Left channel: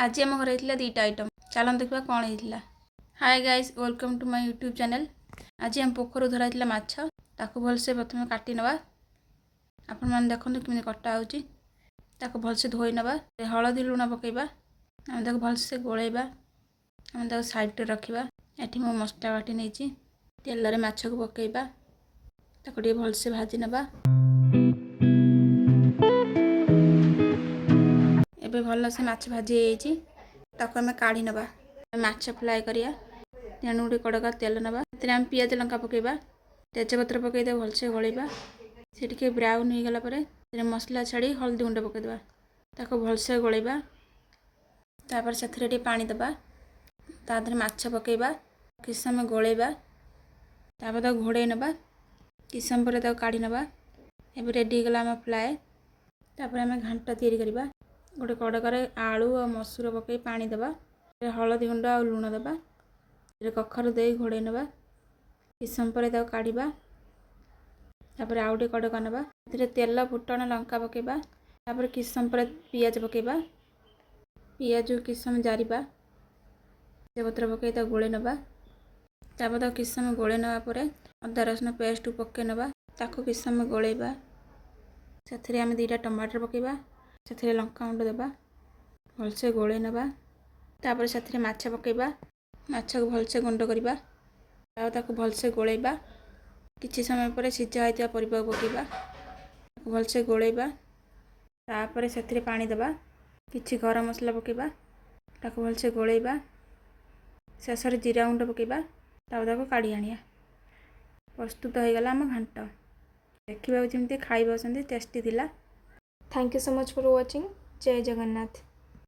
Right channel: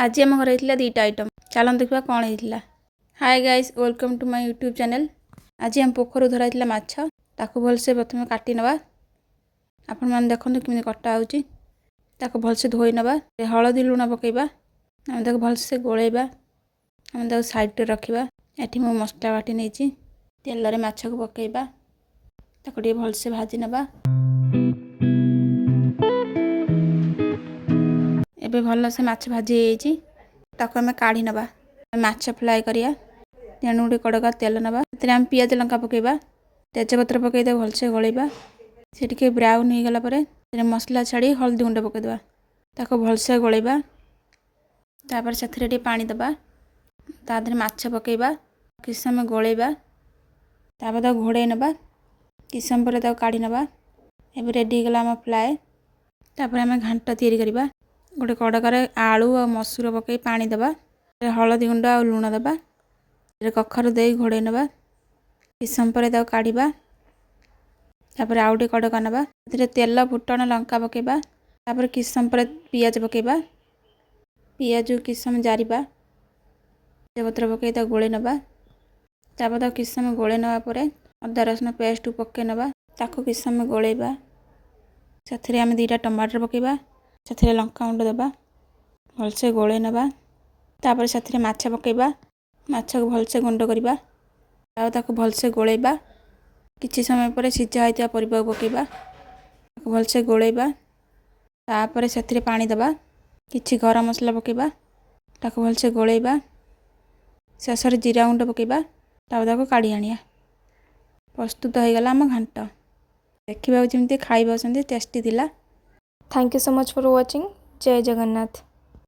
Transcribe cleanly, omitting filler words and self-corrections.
आज आम घर होता दुईटा आइटम चलन देखा कौन होता। Hi guys welcome to my YouTube channel. आज आम पोखर धरा माछ ताको भलसे प्रथम काटी नवा। आपण मैंने देखते किमें कटा हो भलसे धोई नवा। हलदी लुण पकेबा आम भलसे गोलेबा आम साइड रखा। ये मो मसला बाटी नहीं तेल माछ को पकेबा ताको भलसे भाजी नवा। एबे भल से माछ भाजी ताको आम काढ़ी नवा। माछ फ्राए करिया तेणु गोटे कड़का तेल नवा। आम पियाज लंका पकेबा तेजपत्र पकईदे भलसे गलेबा। से टिके ब्राउन हो गला मसला छाड़ी हल्दी गुंड पकईदे ताको भलसे गलेबा। तापर से पानी दबा तादे माछ पकईबा किछ समय गलेबा। तापर घोड़े नवा किछ समय पर काढ़ी नवा। एबे रेडी गला आम फ्राए। तापर आम घांट तैयारी करबा। गोटे कड़कार आलू और मसूर पकई पानी दबा। हलदी गुंड और लुण दबा। कखर दे घोड़े नवा किछ समय पर काढ़ा। तापर आउ गोटे कड़का नवा तेल फुटण लंका पकेबा। तापर किछ समय पर पियाज पकेबा। पियाज किछ समय जारिबा तेजपत्र पकई गोले नवा। तापर किछ समय गोले नवा परे अदा रसुण पेस्ट पकई नवा ताको किछ समय गोलेबा। से आम दुईटा टमाटर पकेबा से लंका गुंड दबा भलसे गोले नवा। तापर से माछ पकेबा माछ को भलसे गुंड करबा ताको भलसे गोलेबा। किछि समय पर सिझा होइता परिबा पकेबा ताको भलसे गोलेबा। तापर से पानी दबा किछि गरम मसला पकेबा ताको भलसे गोलेबा। शेष जीरा गुंड पकेबा ताको काढ़ी आनिया। प्रस्तुत हो गला आम घांट। देखा जमी खाई टेस्टी थिला। Thank you so much for watching. जय जगन्नाथ।